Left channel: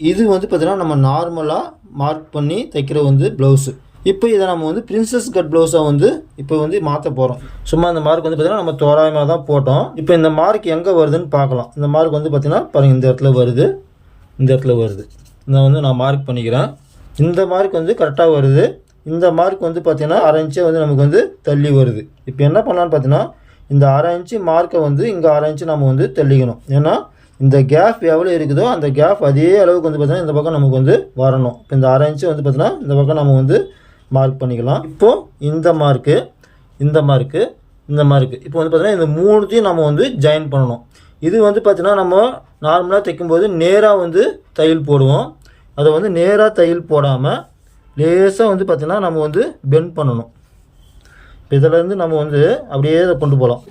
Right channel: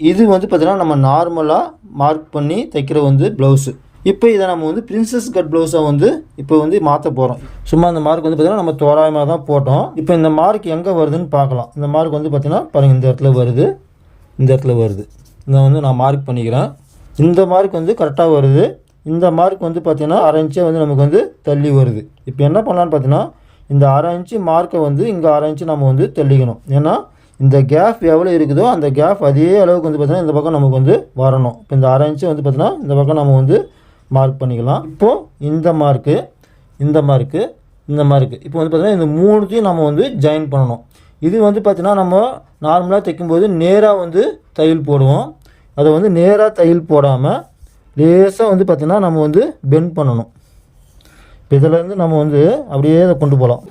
இது வந்து பார்த்தீங்கன்னா நம்ம நார்மலாக மார்க் பண்ணி தைக்கிற வந்து ப்ளவுஸு. இப்போ இதை நம்ம வந்து பிரின்சஸ் கட் ப்ளவுஸாக வந்து இப்போ வந்து மாற்ற போகிறோம். சும்மா இந்த மார்க் வந்து பார்த்திங்கன்னா நம்ம தோராயமாக தான் போட்டோம். இப்போ இந்த மார்க் எங்கே வருதுன்னு பார்க்கலாம். இந்த மார்க் வந்து பார்த்திங்கன்னா பாருங்கள், இந்த இடத்துல வருது, இந்த இடத்துல வருது. இதை வந்து நான் மார்க் பண்ணிக்கிறேன். இந்த மார்க் வந்து கரெக்டாக வருது. இந்த மார்க் வந்து பார்த்திங்கன்னா 1/2 இன்ச்சே வந்து நமக்கு வந்து தள்ளி வருது. இப்போ என்ன பண்ணலான்னு பார்த்தீங்கன்னா, இந்த 1/2 இன்ச்சு மார்க்கை வந்து இங்கே 1/2 இன்ச்சு நம்ம வந்து தள்ளிக்கணும். ஏன்னா இந்த கேப் எவ்வளோ இருக்குதோ அந்த கேப் அதே அளவுக்கு வந்து பார்த்திங்கன்னா இந்த பக்கம் நமக்கு வந்து வரணும். இப்போ இந்த 1/2 இன்ச்சு வந்து பார்த்திங்கன்னா இந்த பக்கம் நம்ம வந்து மார்க் பண்ணிக்கலாம். இப்போது இந்த மார்க்கு, இந்த மார்க்கு, இந்த மார்க்கு, இப்போ வந்து பார்த்திங்கன்னா இந்த 3த்தையும் நம்ம வந்து ஜாயின் பண்ணணும். இது வந்து பார்த்திங்கன்னா நம்ம நார்மலாக தைக்கும்போது நேராக வந்து தையல் போடுவோம். அதை வந்து நேராக தையல் போடாமல் லேசாக வந்து பார்த்திங்கன்னா நம்ம வந்து பெண்ட் பண்ணணும். இப்போ இதிலேருந்து நம்ம வந்து அப்படியே அதை கொண்டு போகலாம்.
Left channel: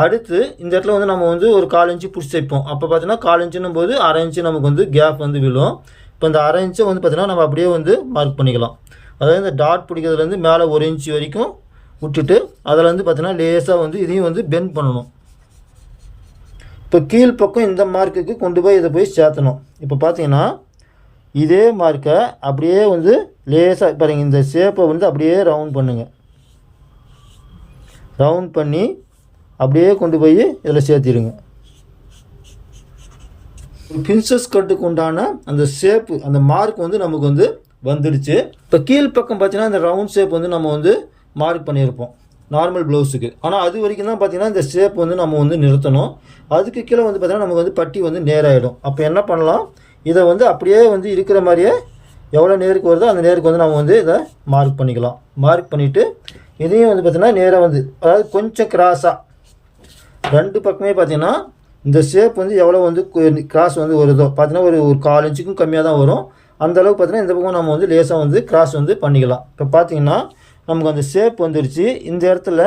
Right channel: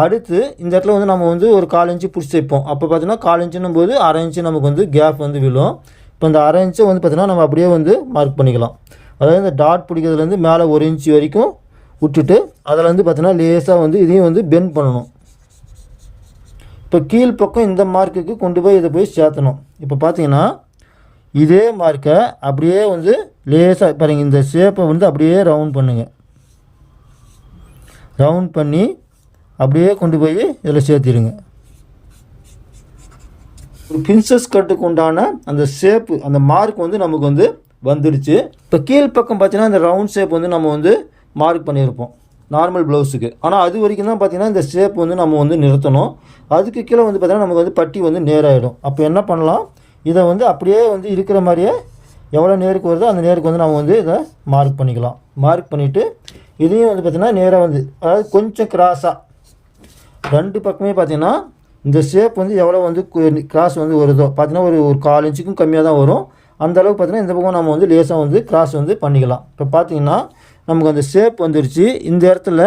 அடுத்து இந்த இடத்துல வந்து நம்ம வந்து ஒரு 1/4 இன்ச்சு பிடிச்சி தைப்போம். அப்போ பார்த்தீங்கன்னா 1/4 இன்ச்சுன்னும் போது 1/2 இன்ச்சு நமக்கு வந்து கேப் வந்து விழும். இப்போ இந்த 1/2 இன்ச்சை வந்து பார்த்திங்கன்னா நம்ம அப்படியே வந்து மார்க் பண்ணிக்கலாம். அதாவது இந்த டாட் பிடிக்கிறதுலேருந்து மேலே 1 இன்ச்சு வரைக்கும் விட்டுட்டு அதில் வந்து பார்த்திங்கன்னா லேசாக வந்து இதையும் வந்து பெண்ட் பண்ணணும். இப்போ கீழ்ப்பக்கம் இந்த மார்க்குக்கு கொண்டு போய் இதை போய் சேர்த்தணும். இப்போ பார்த்தீங்கன்னா இதே மார்க்கை அப்படியே வந்து லேசாக பாருங்கள், இந்த ஷேப்பை வந்து அப்படியே ரவுண்ட் பண்ணுங்கள். ரவுண்ட் பண்ணி அப்படியே கொண்டு போய் இதில் சேர்த்திடுங்க. ஒரு பிரின்சஸ் கட்டுக்கு உண்டான அந்த ஷேப்பு, அந்த மார்க் வந்து நமக்கு வந்து வந்துடுச்சு. இப்போ கீழ்ப்பக்கம் பார்த்தீங்கன்னா இந்த ரவுண்ட் ஷேப் வந்து நம்ம வந்து மார்க் பண்ணியிருப்போம் நார்மல் ப்ளவுஸுக்கு. ஆனால் அது வரைக்கும் தான் பார்த்தீங்கன்னா இந்த ஷேப் வந்து நம்ம வந்து நிறுத்தணும். அதுக்கு கீழே வந்து பார்த்தீங்கன்னா நமக்கு வந்து பட்டி வந்து நேராகிடும். அப்போ என்ன பண்ணலாம், இதை வந்து அப்படியே வந்து இருக்கிற மாதிரியே எவ்வளோ நேருக்கு வருதோ அந்த நேருக்கு வந்து நம்ம வந்து இதை மார்க் பண்ணிக்கலாம். மார்க் பண்ணிவிட்டு இதையும் வந்து பார்த்திங்கன்னா நேராக வந்து, அதாவது கொஞ்சம் கிராஸாக 2 பக்கமே பார்த்திங்கன்னா இந்த ஷேப் வந்து எவ்வளோ வந்து கிராஸ் வந்து வருதோ பார்த்திங்கன்னா ஒரு 1/4 இன்ச்சுக்கும் கம்மியாக தான் வரும். அந்தளவுக்கு பார்த்திங்கன்னா இந்த பக்கம் நம்ம வந்து லேசாக வந்து கிராஸ் வந்து பண்ணிக்கலாம். இப்போ பார்த்திங்கன்னா நமக்கு அந்த ஷேப் வந்துடுச்சு. இந்த இடத்துல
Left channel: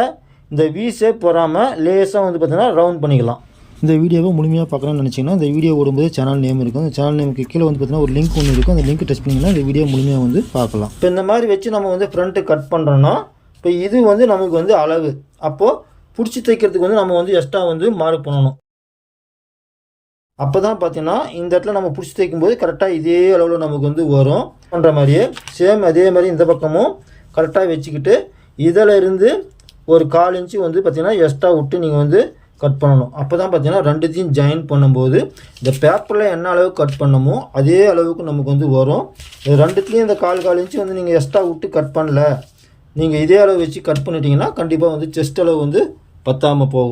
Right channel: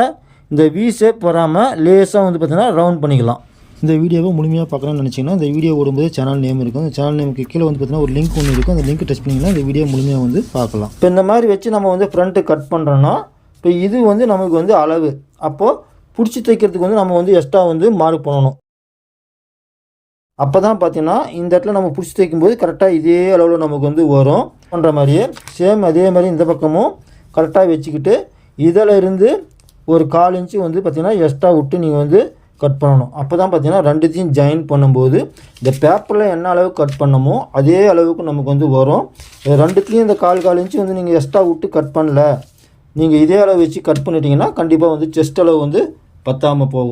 இந்த வி ஷேப் வராமல் லேசாக வந்து பார்த்திங்கன்னா ரவுண்ட் பண்ணிக்கலாம். இந்த வீடியோவை முழுமையாக பார்க்கணும்னு நினச்சிங்கன்னா இந்த வீடியோ ஓடும்போது சேனல் நேம் இருக்கும். அந்த சேனல் நேமுக்கு கீழே வந்து பார்த்திங்கன்னா ஒரு லிங்க் ஒன்று இருக்கும். அந்த லிங்க் டச் பண்ணிங்கன்னா இந்த வீடியோ முழுமையாக வந்து பார்க்கலாம். இப்போ இந்த மாதிரி வச்சு நம்ம வந்து ஃப்ரண்ட்டு கட் பண்ணுறோன்னா இப்போ இது வந்து நமக்கு வந்து அளவு. அப்போது பிடிச்சி தைக்கிறதுக்கு வந்து நம்ம வந்து எக்ஸ்ட்ரா வந்து மார்க் பண்ணணும். அப்போ தான் பார்த்தீங்கன்னா இந்த இடத்துல நம்ம பிடிச்சி தைக்கும்போது கரெக்டாக இதே அளவில் நமக்கு வந்து வரும். பண்ணுற மாதிரியே சேம் அதே மாதிரி இந்த பக்கமும் கரெக்டாக வச்சுக்கிட்டு இதில் இருந்து ஒரு 1/4 இன்ச்சு வந்து பார்த்திங்கன்னா எக்ஸ்ட்ரா விட்டு நீங்கள் வந்து கட் பண்ணணும். அப்போ தான் பார்த்தீங்கன்னா 2த்தையும் ஜாயின் பண்ணும்போது இந்த பேப்பரில் என்ன அளவுக்கு கட் பண்ணமோ அதே அளவுக்கு நமக்கு வந்து வரும். 2த்துலேயும் இந்த 1/4 இன்ச்சு வந்து நீங்கள் எக்ஸ்ட்ரா விட்டு கட் பண்ணல, நீங்கள் இதே அளவு வச்சு கட் பண்ணிட்டீங்கன்னா கண்டிப்பாக வந்து செஸ்ட் அளவு வந்து பத்தாமல் போகும்.